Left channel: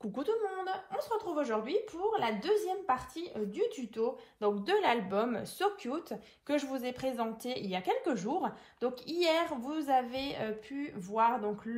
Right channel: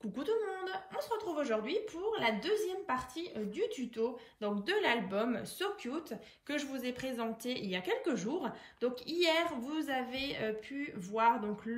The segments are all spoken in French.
Coucou tout le monde, on se retrouve aujourd'hui pour la deuxième partie du tuto donc de l'album So Cute que je vous ai présenté il y a quelques jours. Donc hier vous avez pu voir donc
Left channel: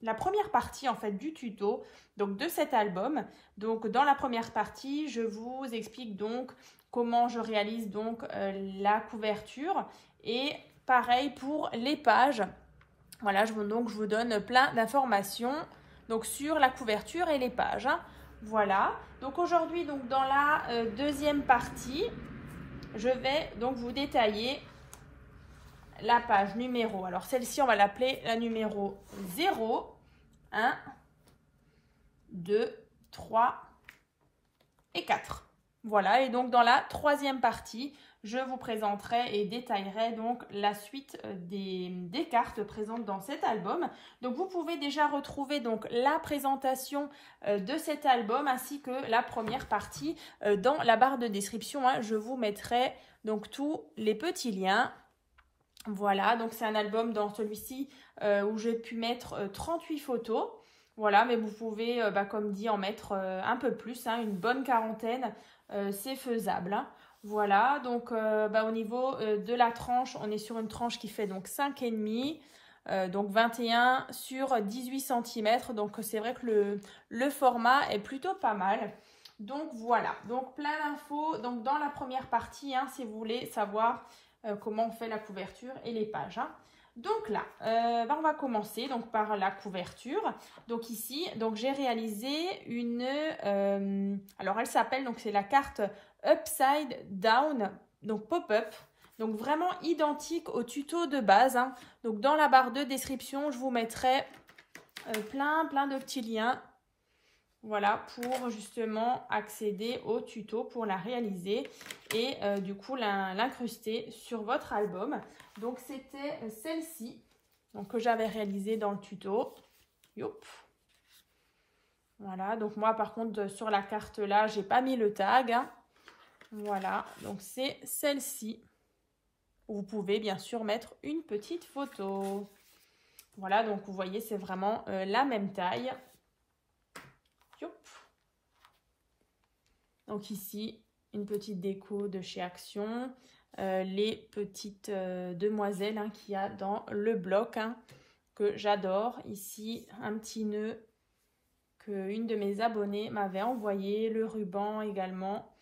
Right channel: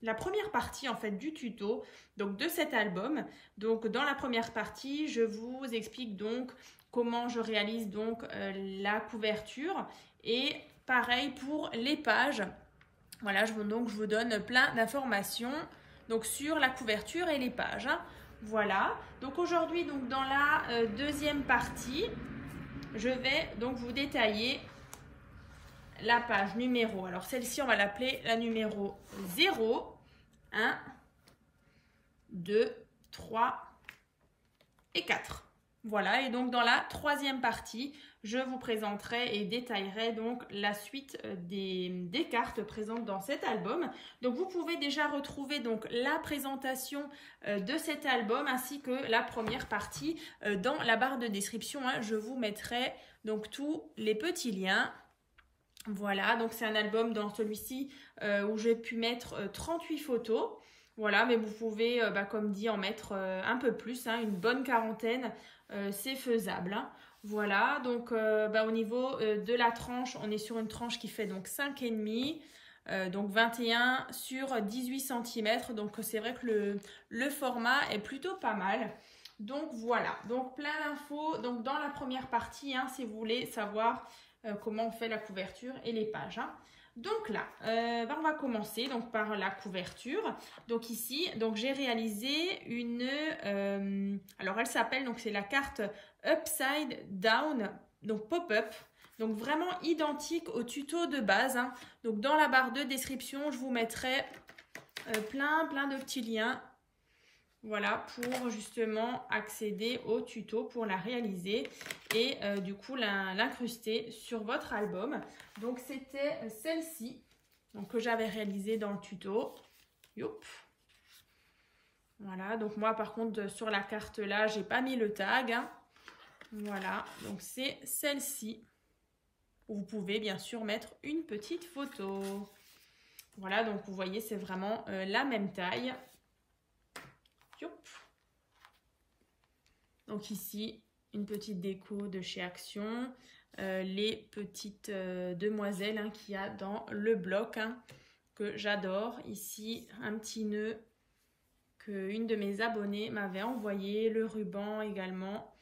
la première partie en fait du tuto donc de cet album. Donc dans la première partie je vous explique donc comment je réalise donc la couverture et pareil pour les pages. Voilà, je vous donne plein d'informations donc sur la couverture et les pages. Voilà, donc aujourd'hui donc dans la deuxième partie, je vais donc vous détailler la page numéro. Alors celle-ci, on va l'appeler la numéro 0, 1, 2, 3 et 4. Voilà, et donc dans la troisième partie, je vous présenterai et détaillerai donc la suite des cartes présentes dans cet album. Donc vous pouvez déjà retrouver donc la présentation de cet album ainsi que la première partie dans la barre de description. Je vous mettrai donc tous les petits liens. Voilà, donc c'est un album dans celui-ci où j'ai pu mettre 38 photos. Voilà, mais vous pouvez, comme dit, en mettre un peu plus, une bonne quarantaine, c'est faisable. Voilà, donc au niveau de la tranche, on est sur une tranche qui fait donc 5,5, donc 21 sur 18 cm. Donc c'est vrai que le format est plutôt pas mal. Donc voilà, donc plein d'infos donc dans la première partie, si vous voulez savoir comment on fait la couverture et les pages. Donc là, on va commencer donc par la couverture. Donc ici, donc j'ai réalisé une, alors elle s'appelle, donc c'est la carte Upside Down, donc pop-up. Donc vraiment identique au tuto de base. Donc dans la barre de description, je vous mettrai plein de petits liens. Voilà, pour justement accéder au tuto, pour la réaliser et du coup l'incruster sur votre album. Donc c'était celle-ci que j'avais réalisée dans le tuto. Youp. Voilà, donc moi par contre sur la carte là, j'ai pas mis le tag. Voilà, donc c'est celle-ci. Vous pouvez bien sûr mettre une petite photo. Voilà, donc vous voyez, c'est vraiment la même taille. Donc ici, une petite déco de chez Action, les petites demoiselles qu'il y a dans le bloc que j'adore. Ici, un petit nœud qu'une de mes abonnées m'avait envoyé, le ruban également,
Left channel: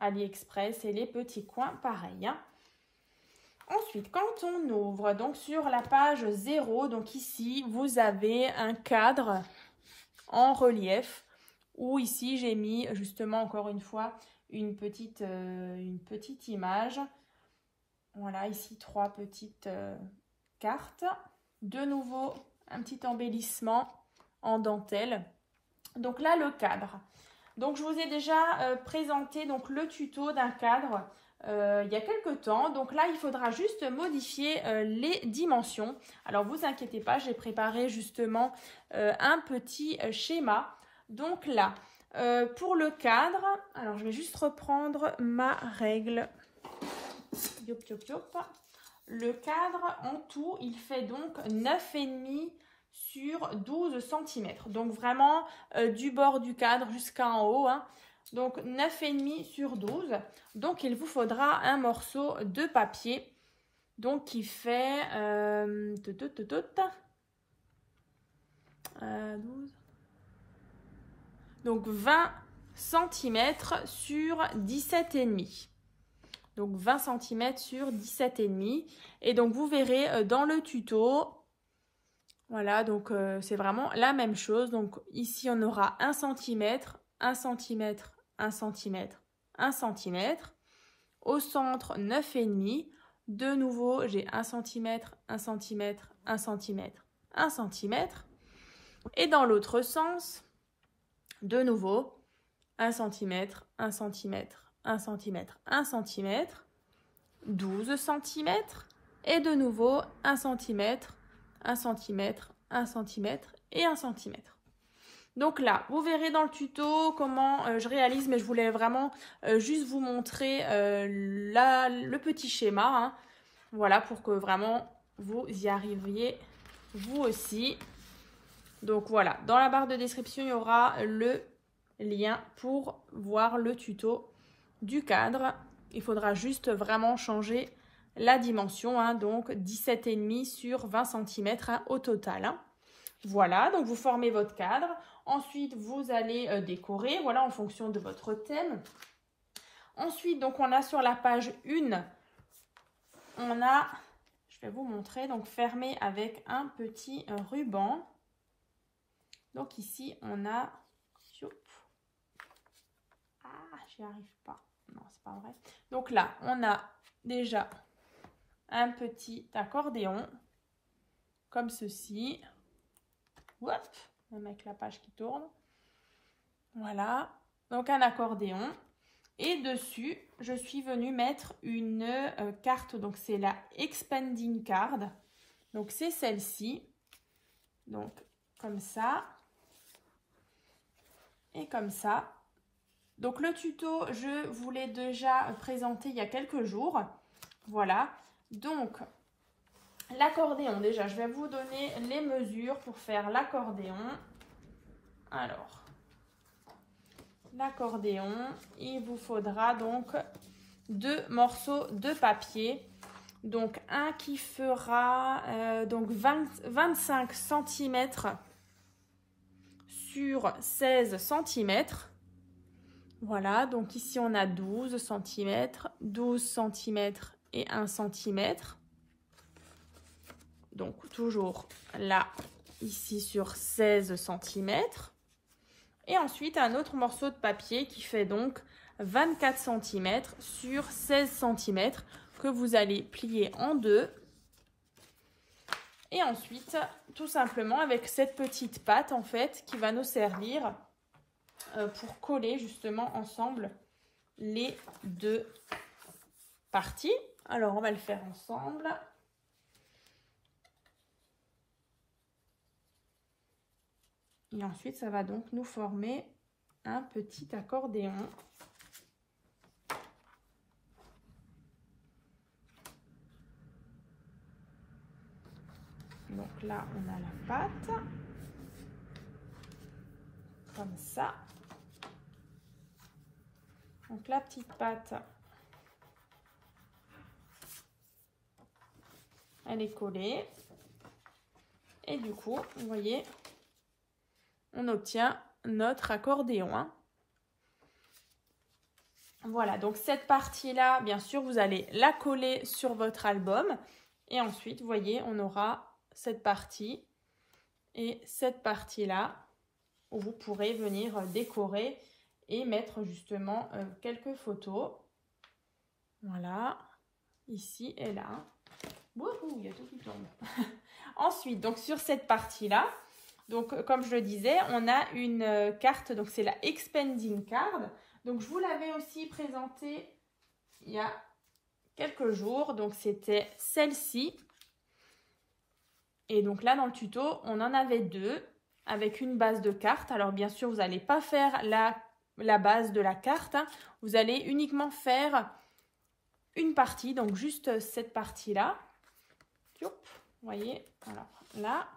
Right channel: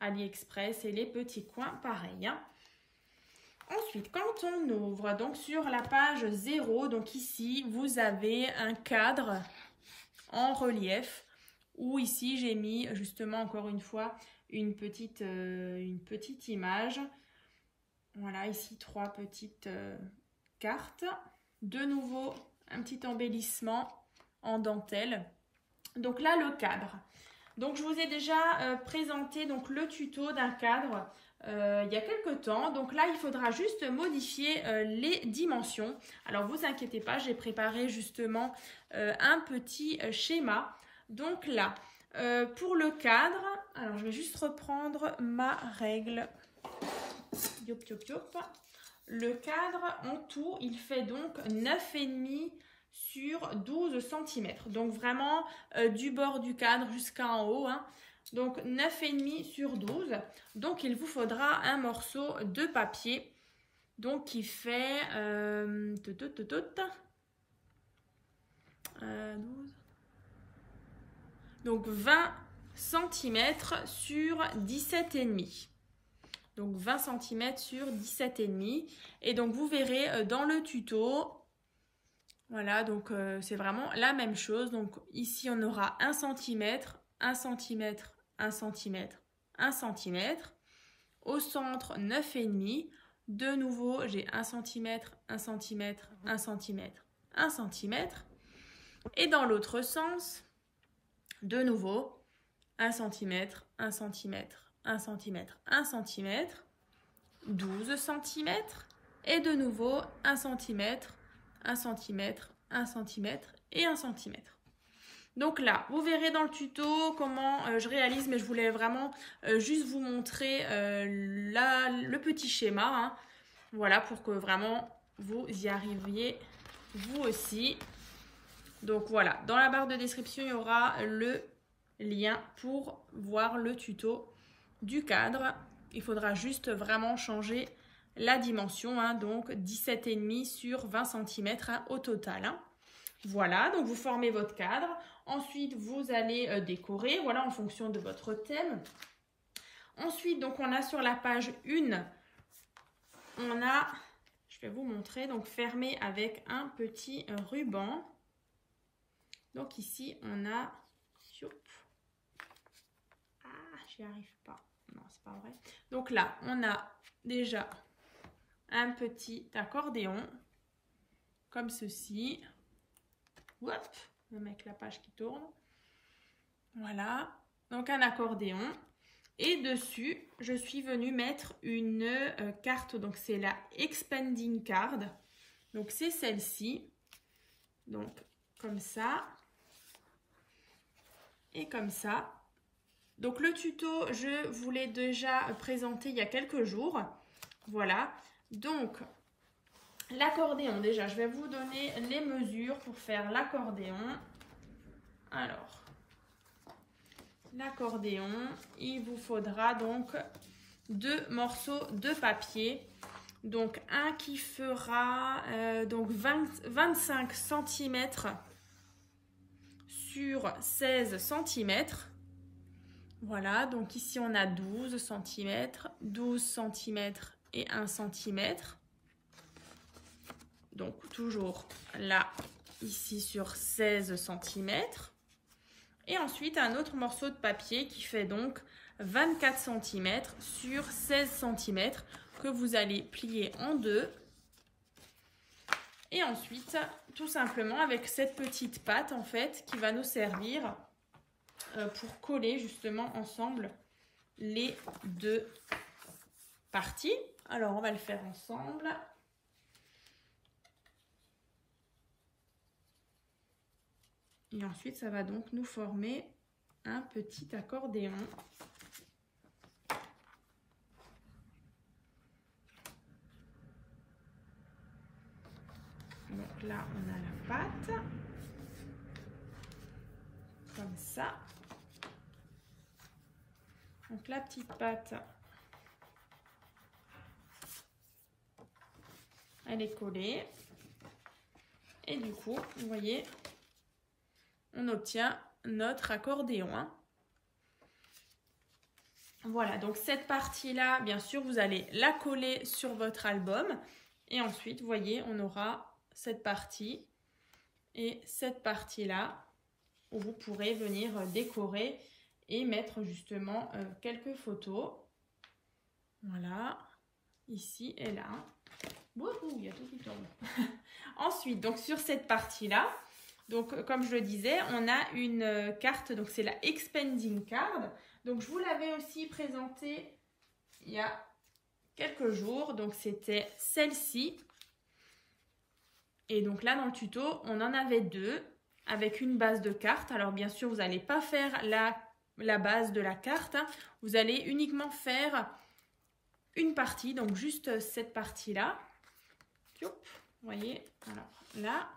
AliExpress et les petits coins pareil. Ensuite, quand on ouvre donc sur la page 0, donc ici, vous avez un cadre en relief. Où ici j'ai mis justement encore une fois une petite image. Voilà, ici 3 petites cartes. De nouveau un petit embellissement en dentelle. Donc là le cadre. Donc je vous ai déjà présenté donc le tuto d'un cadre il y a quelques temps. Donc là il faudra juste modifier les dimensions. Alors vous inquiétez pas, j'ai préparé justement un petit schéma. Donc là, pour le cadre, alors je vais juste reprendre ma règle. Le cadre, en tout, il fait donc 9,5 sur 12 cm. Donc vraiment du bord du cadre jusqu'en haut. Donc 9,5 sur 12. Donc il vous faudra un morceau de papier. Donc qui fait 12. Donc 20 cm sur 17,5. Donc 20 cm sur 17,5. Et donc vous verrez dans le tuto, voilà, donc c'est vraiment la même chose. Donc ici on aura 1 cm, 1 cm, 1 cm, 1 cm. Au centre 9,5. De nouveau j'ai 1 cm, 1 cm, 1 cm, 1 cm. Et dans l'autre sens, de nouveau, 1 cm, 1 cm, 1 cm, 1 cm, 12 cm, et de nouveau 1 cm, 1 cm, 1 cm et 1 cm. Donc là, vous verrez dans le tuto comment je réalise, mais je voulais vraiment juste vous montrer le petit schéma. Voilà, pour que vraiment vous y arriviez vous aussi. Donc voilà, dans la barre de description, il y aura le lien pour voir le tuto du cadre. Il faudra juste vraiment changer la dimension, hein, donc 17,5 sur 20 cm hein, au total. Hein. Voilà, donc vous formez votre cadre. Ensuite, vous allez décorer, voilà, en fonction de votre thème. Ensuite, donc on a sur la page 1, on a, je vais vous montrer, donc fermé avec un petit ruban. Donc ici, on a, j'y arrive pas, non, c'est pas vrai. Donc là, on a déjà un petit accordéon, comme ceci. Hop, on va mettre la page qui tourne. Voilà, donc un accordéon. Et dessus, je suis venue mettre une carte, donc c'est la Expanding Card. Donc c'est celle-ci. Donc comme ça. Et comme ça. Donc le tuto, je vous l'ai déjà présenté il y a quelques jours. Voilà. Donc l'accordéon, déjà, je vais vous donner les mesures pour faire l'accordéon. Alors, l'accordéon, il vous faudra donc 2 morceaux de papier. Donc un qui fera donc 25 cm sur 16 cm. Voilà, donc ici on a 12 cm, 12 cm et 1 cm. Donc toujours là, ici sur 16 cm. Et ensuite un autre morceau de papier qui fait donc 24 cm sur 16 cm que vous allez plier en deux. Et ensuite, tout simplement avec cette petite pâte en fait qui va nous servir pour coller justement ensemble les deux parties. Alors on va le faire ensemble. Et ensuite, ça va donc nous former un petit accordéon. Donc là, on a la pâte. Comme ça. Donc la petite pâte, elle est collée. Et du coup, vous voyez, on obtient notre accordéon. Hein. Voilà, donc cette partie-là, bien sûr, vous allez la coller sur votre album. Et ensuite, vous voyez, on aura cette partie et cette partie-là où vous pourrez venir décorer et mettre justement quelques photos. Voilà, ici et là. Wouhou, il y a tout qui tombe. Ensuite, donc sur cette partie-là, donc comme je le disais, on a une carte, donc c'est la Expanding Card. Donc je vous l'avais aussi présentée il y a quelques jours, donc c'était celle-ci. Et donc là dans le tuto, on en avait deux avec une base de carte. Alors bien sûr, vous n'allez pas faire la base de la carte, hein. Vous allez uniquement faire une partie, donc juste cette partie-là. Vous voyez, alors là,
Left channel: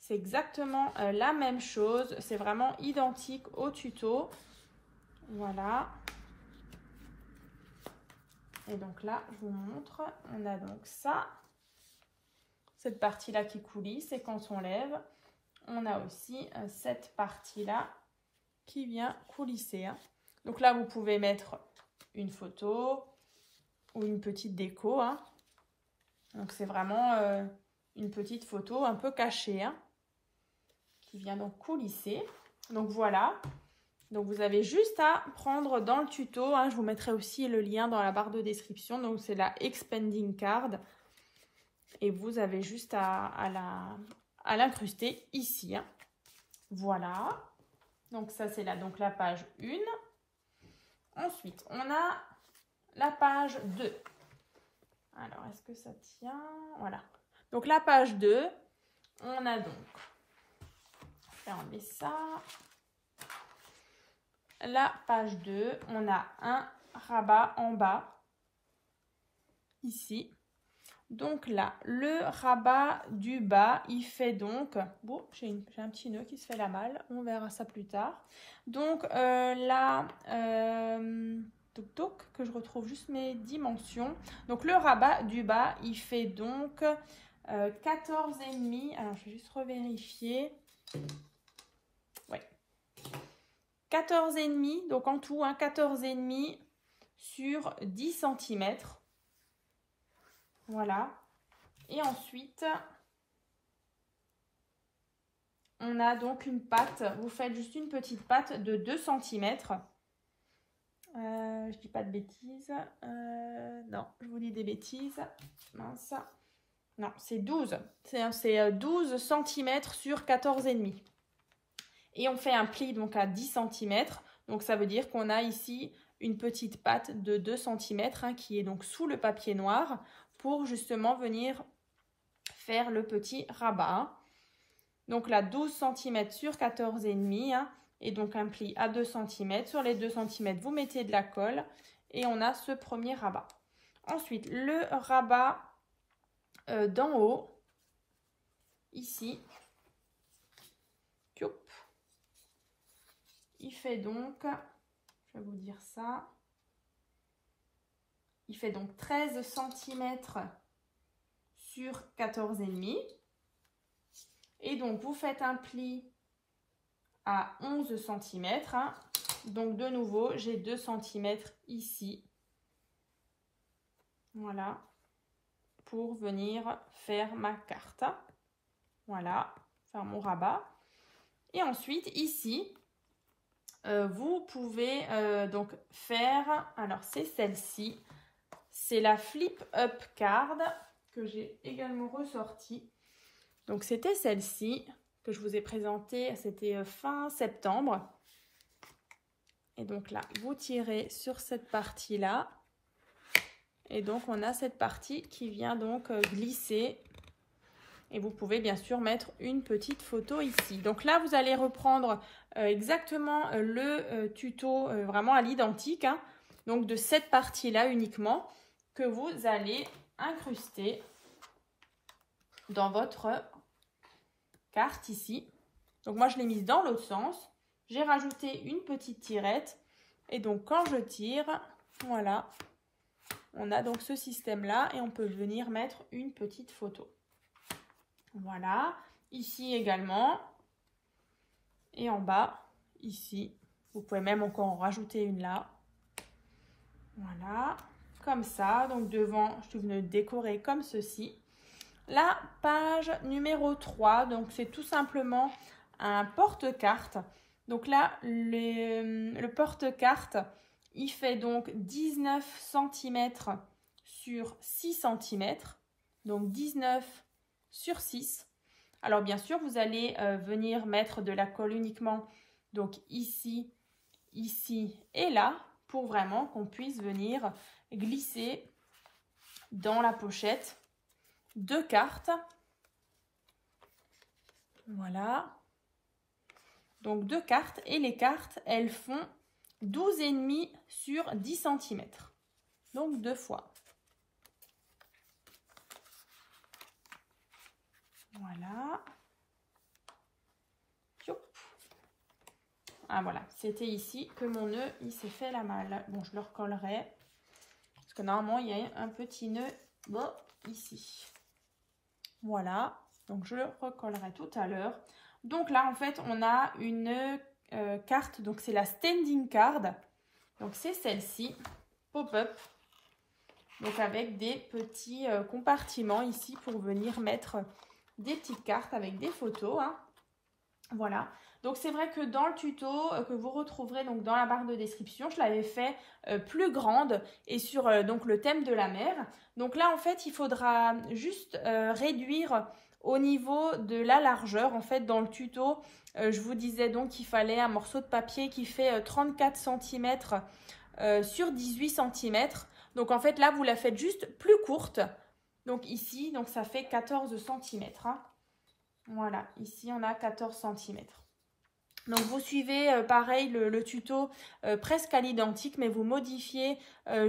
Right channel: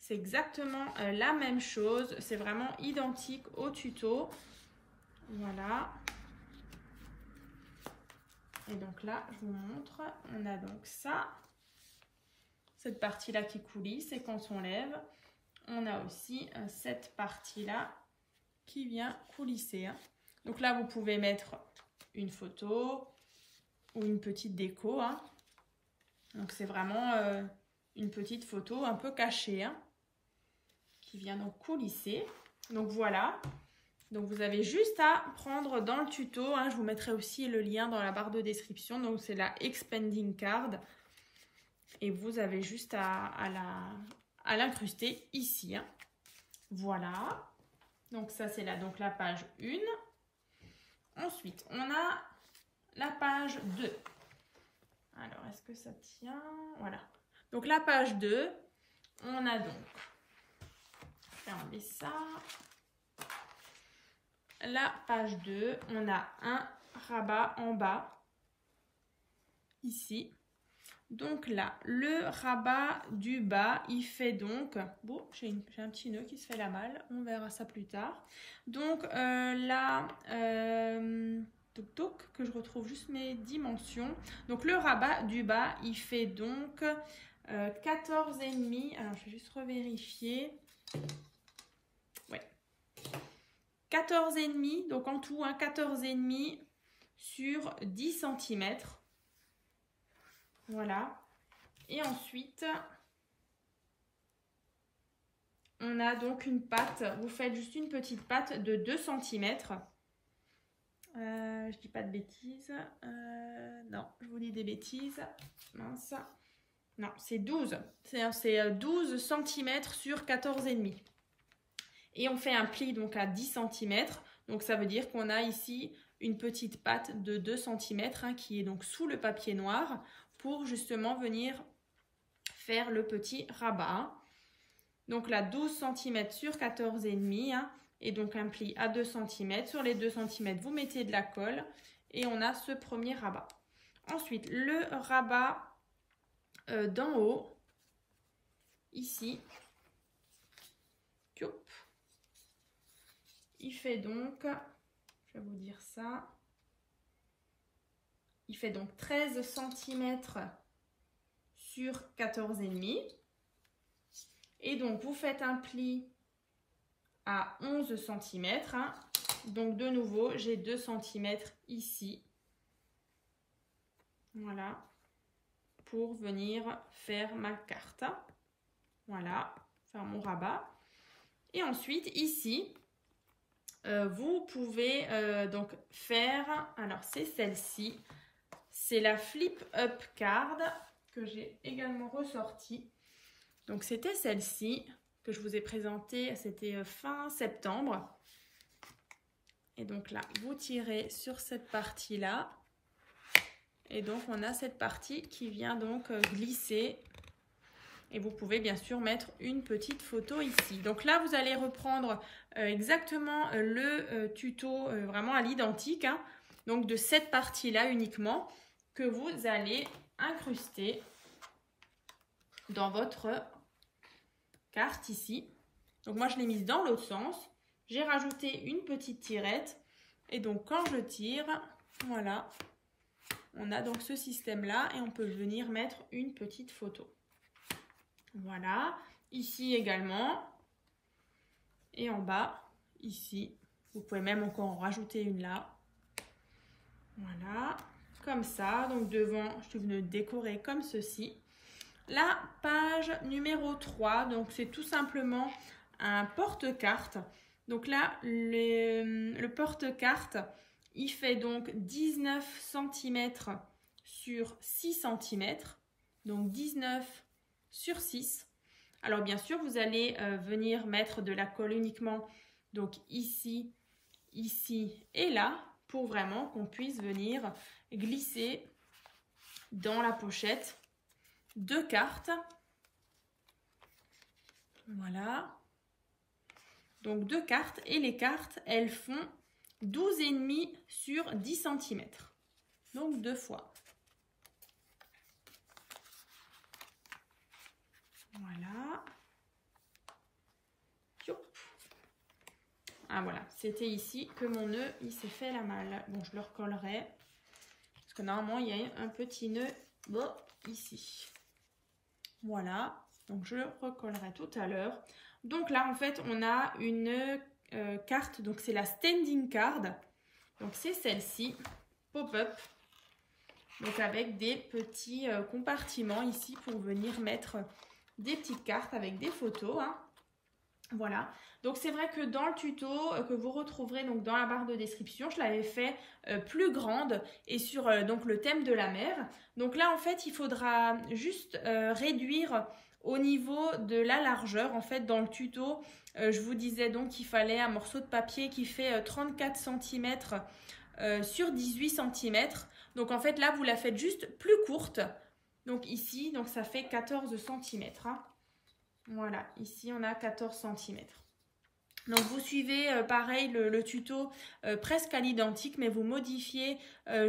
c'est exactement la même chose. C'est vraiment identique au tuto. Voilà. Et donc là, je vous montre. On a donc ça. Cette partie-là qui coulisse. Et quand on lève, on a aussi cette partie-là qui vient coulisser. Hein. Donc là, vous pouvez mettre une photo ou une petite déco. Hein. Donc c'est vraiment une petite photo un peu cachée. Hein, qui vient donc coulisser. Donc voilà. Donc vous avez juste à prendre dans le tuto, hein, je vous mettrai aussi le lien dans la barre de description, donc c'est la Expanding Card. Et vous avez juste à l'incruster ici. Hein. Voilà. Donc ça c'est donc la page 1. Ensuite, on a la page 2. Alors, est-ce que ça tient? Voilà. Donc la page 2, on a donc, je vais enlever ça. La page 2, on a un rabat en bas, ici. Donc là, le rabat du bas, il fait donc... Bon, j'ai un petit nœud qui se fait la malle, on verra ça plus tard. Donc là, que je retrouve juste mes dimensions. Donc le rabat du bas, il fait donc 14,5. Alors, je vais juste revérifier. Ouais. 14,5, donc en tout, hein, 14,5 sur 10 cm. Voilà. Et ensuite, on a donc une patte. Vous faites juste une petite patte de 2 cm. Je dis pas de bêtises. Non, je vous dis des bêtises. Mince. Non, c'est 12. C'est 12 cm sur 14,5. Et on fait un pli donc à 10 cm. Donc ça veut dire qu'on a ici une petite patte de 2 cm hein, qui est donc sous le papier noir pour justement venir faire le petit rabat. Donc là 12 cm sur 14,5 hein, et donc un pli à 2 cm. Sur les 2 cm, vous mettez de la colle et on a ce premier rabat. Ensuite, le rabat d'en haut, ici, il fait donc, je vais vous dire ça, il fait donc 13 cm sur 14,5. Et donc, vous faites un pli à 11 cm. Hein. Donc, de nouveau, j'ai 2 cm ici. Voilà. Pour venir faire ma carte. Voilà. Faire mon rabat. Et ensuite, ici, vous pouvez donc faire... Alors, c'est celle-ci. C'est la Flip Up Card que j'ai également ressortie. Donc, c'était celle-ci que je vous ai présentée, c'était fin septembre. Et donc là, vous tirez sur cette partie-là. Et donc, on a cette partie qui vient donc glisser. Et vous pouvez bien sûr mettre une petite photo ici. Donc là, vous allez reprendre exactement le tuto vraiment à l'identique. Hein, donc de cette partie-là uniquement que vous allez incruster dans votre carte ici. Donc moi je l'ai mise dans l'autre sens. J'ai rajouté une petite tirette. Et donc quand je tire, voilà, on a donc ce système-là et on peut venir mettre une petite photo. Voilà, ici également. Et en bas, ici, vous pouvez même encore en rajouter une là. Voilà, comme ça. Donc devant, je suis venue décorer comme ceci. La page numéro 3, donc c'est tout simplement un porte-carte. Donc là, le porte-carte, il fait donc 19 cm sur 6 cm. Donc 19 sur 6. Alors bien sûr, vous allez venir mettre de la colle uniquement donc ici, ici et là pour vraiment qu'on puisse venir glisser dans la pochette deux cartes. Voilà. Donc deux cartes et les cartes, elles font 12,5 sur 10 cm. Donc deux fois. Voilà. Ah voilà, c'était ici que mon nœud il s'est fait la malle. Bon, je le recollerai. Parce que normalement, il y a un petit nœud bon, ici. Voilà, donc je le recollerai tout à l'heure. Donc là, en fait, on a une carte, donc c'est la standing card. Donc c'est celle-ci, pop-up. Donc avec des petits compartiments ici pour venir mettre des petites cartes avec des photos. Hein. Voilà. Donc c'est vrai que dans le tuto que vous retrouverez donc dans la barre de description, je l'avais fait plus grande et sur donc le thème de la mer. Donc là en fait il faudra juste réduire au niveau de la largeur. En fait dans le tuto je vous disais donc qu'il fallait un morceau de papier qui fait 34 cm sur 18 cm. Donc en fait là vous la faites juste plus courte. Donc ici donc ça fait 14 cm. Hein. Voilà, ici on a 14 cm. Donc vous suivez pareil le tuto presque à l'identique, mais vous modifiez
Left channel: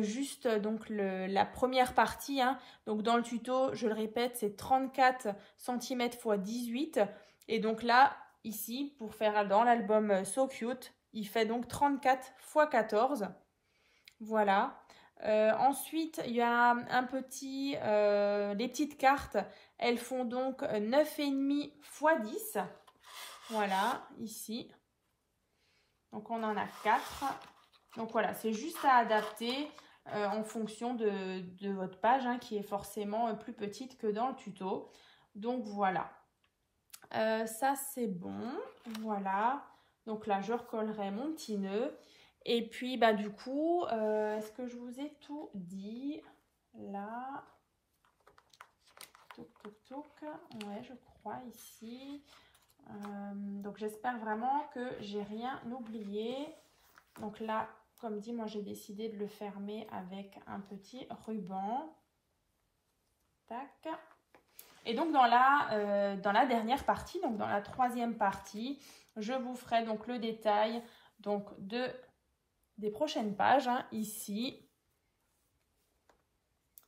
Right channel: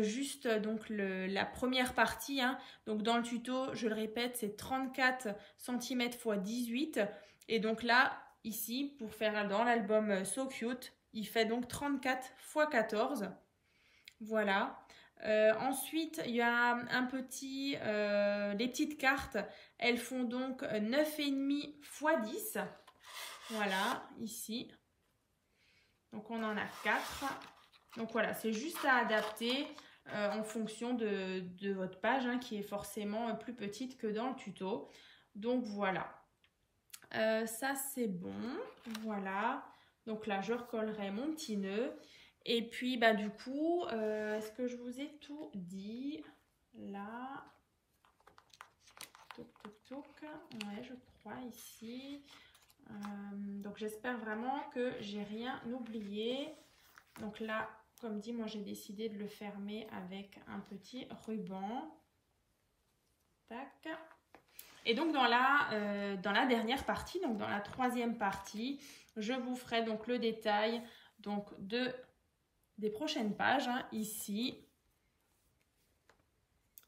juste donc la première partie. Hein. Donc dans le tuto, je le répète, c'est 34 cm x 18. Et donc là, ici, pour faire dans l'album So Cute, il fait donc 34 x 14. Voilà. Ensuite, il y a un petit, les petites cartes, elles font donc 9,5 x 10. Voilà, ici. Donc, on en a 4. Donc, voilà, c'est juste à adapter en fonction de votre page, hein, qui est forcément plus petite que dans le tuto. Donc, voilà. Ça, c'est bon. Voilà. Donc, là, je recollerai mon petit nœud. Et puis, bah, du coup, est-ce que je vous ai tout dit? Là. Toc, toc, toc. Ouais, je crois, ici. Donc j'espère vraiment que j'ai rien oublié. Donc là, comme dit, moi j'ai décidé de le fermer avec un petit ruban. Tac. Et donc dans la dernière partie, donc dans la troisième partie, je vous ferai donc le détail donc des prochaines pages. Hein, ici,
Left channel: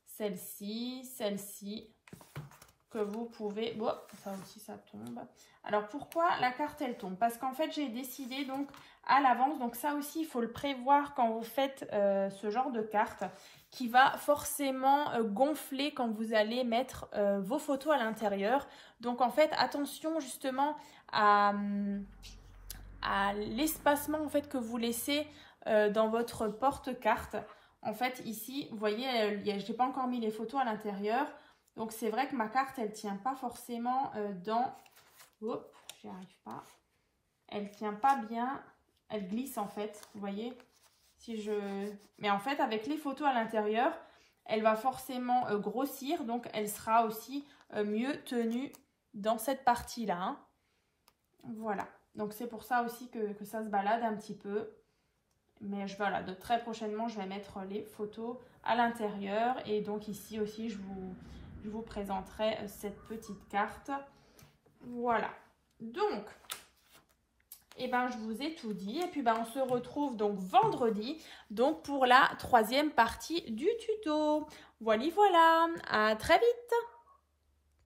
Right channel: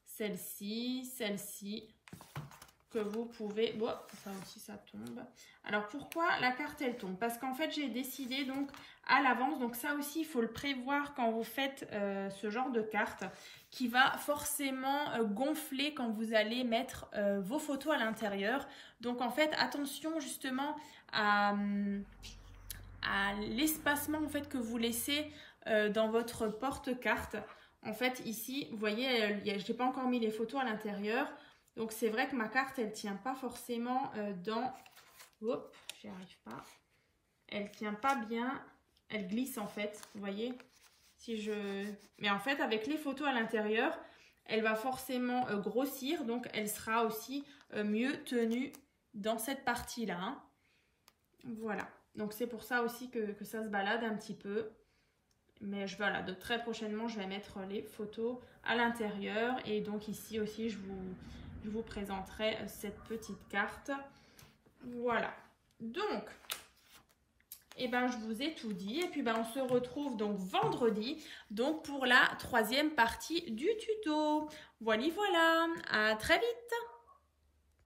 celle-ci, celle-ci. Que vous pouvez... Bon, ça aussi, ça tombe. Alors, pourquoi la carte, elle tombe? Parce qu'en fait, j'ai décidé donc à l'avance. Donc, ça aussi, il faut le prévoir quand vous faites ce genre de carte qui va forcément gonfler quand vous allez mettre vos photos à l'intérieur. Donc, en fait, attention justement à l'espacement en fait, que vous laissez dans votre porte-carte. En fait, ici, vous voyez, je n'ai pas encore mis les photos à l'intérieur. Donc, c'est vrai que ma carte, elle ne tient pas forcément dans... Oh, j'y arrive pas. Elle ne tient pas bien. Elle glisse, en fait. Vous voyez? Mais en fait, avec les photos à l'intérieur, elle va forcément grossir. Donc, elle sera aussi mieux tenue dans cette partie-là. Hein. Voilà. Donc, c'est pour ça aussi que ça se balade un petit peu. Mais voilà, de très prochainement, je vais mettre les photos à l'intérieur. Et donc, ici aussi, je vous présenterai cette petite carte. Voilà. Donc, eh ben, je vous ai tout dit. Et puis, ben, on se retrouve donc vendredi donc pour la troisième partie du tuto. Voilà, voilà. À très vite.